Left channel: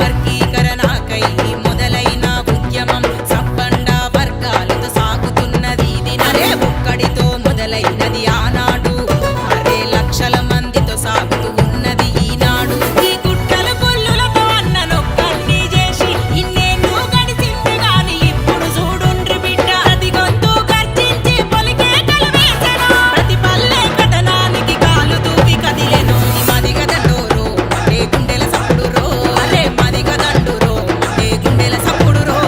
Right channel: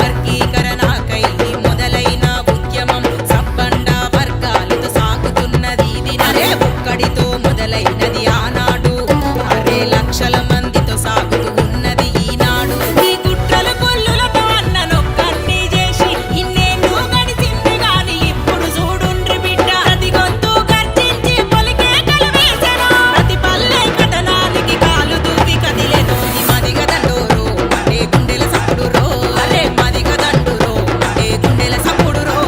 వర్గీకరణకై మొదలైన ఉద్యమం సబ్బండ వర్గాలతో సాగుతున్నది ఇది నరే ఒక్కడితో మొదలైనది ఆనాడు అరే లక్షల మందితో సాగుతూ ఉన్నది ఈనాడు ఈ కుట్రలు కొల్లులతో అన్ననొక్కన్ని చేసి ఇన్నేళ్ళు గడిచింది గాని ఇప్పుడు చూడుండ్రి బిడ్డ ప్రతి గొంతు గర్జించి పొలికే కలవేసెను ప్రతి పల్లె కథనానికి కాలు దూకి కదిలెను ఈ మదిగ దండోరో అంటే గుండెల సప్పుడు రో అరే మదిగ దండురో అంటే గుండెల సప్పుడు రో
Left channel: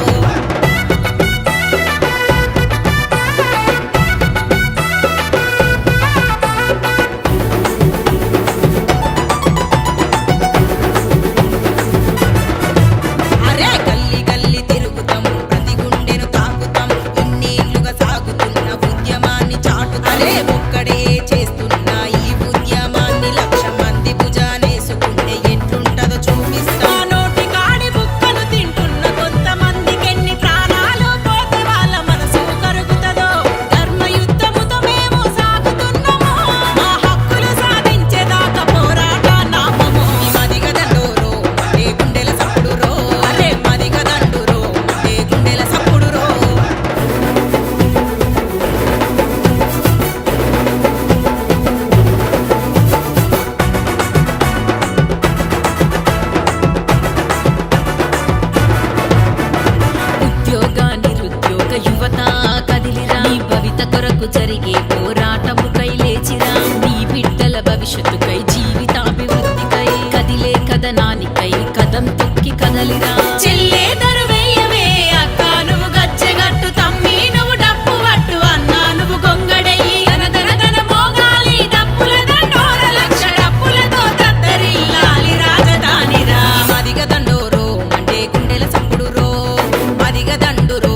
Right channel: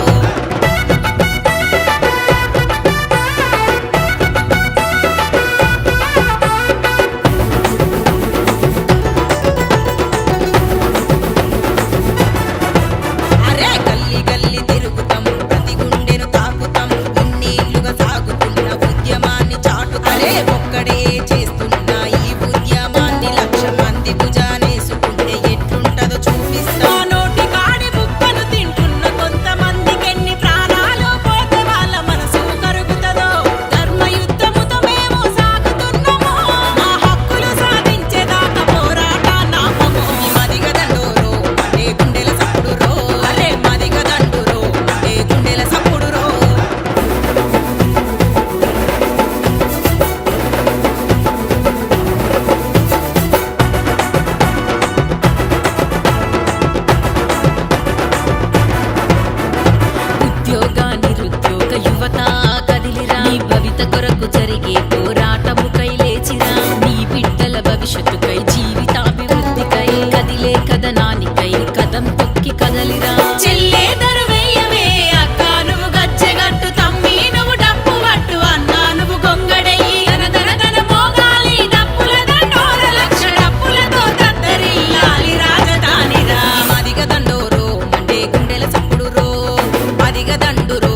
అరే గల్లి గల్లి తిరుగుతాం ప్రతి గుండెను తాకుతాం ఇన్నేళ్లుగా సాగుతున్న ఉద్యమాన్ని చాటుతలే ఒక్కడే చేస్తున్న ఈ ఉద్యమాన్ని లక్ష మంది భుజానేసుకుంటే ఎట్లుంటదో చూపిస్తా నోటి కాడి బుక్కను తింటున్న కొంతమందికి ఎన్ని ప్రాణాలు పోతే వాళ్ళ మనసు కరుగుతుందో ధర్మయుద్ధముతో మేము సాగుతున్నాము మా హక్కులు సాధించేదాకా పోరాట నాపము ఈ మదిగ దండోరో అంటే గుండెల సప్పుడు రో అరే మదిగ దండురో అంటే గుండెల సప్పుడు రో ఉద్యోగ నిరుద్యోగ యువత కదిలిరా నీ భవిత కొరకు జరిగే పోరాటముకై లేచిరా నీ బిడ్డల భవిష్యత్తుకై జీవితాభివృద్ధికై కదిలే కథనానికై కదం తొక్కి కదలిరా చెల్లే దరువెయ్యవే అక్క నువ్వు గజ్జెగట్టు తమ్మి నువ్వు డప్పు పట్టు అన్నా నువ్వు గొంగడెయ్యి దన దన దన మోగాలి డప్పుల దండోర లక్ష డప్పులతో దద్దరిల్లాలి రాజధానిరా మదిగ దండోరో మండే గుండెల సప్పుడు రో మదిగ దండురో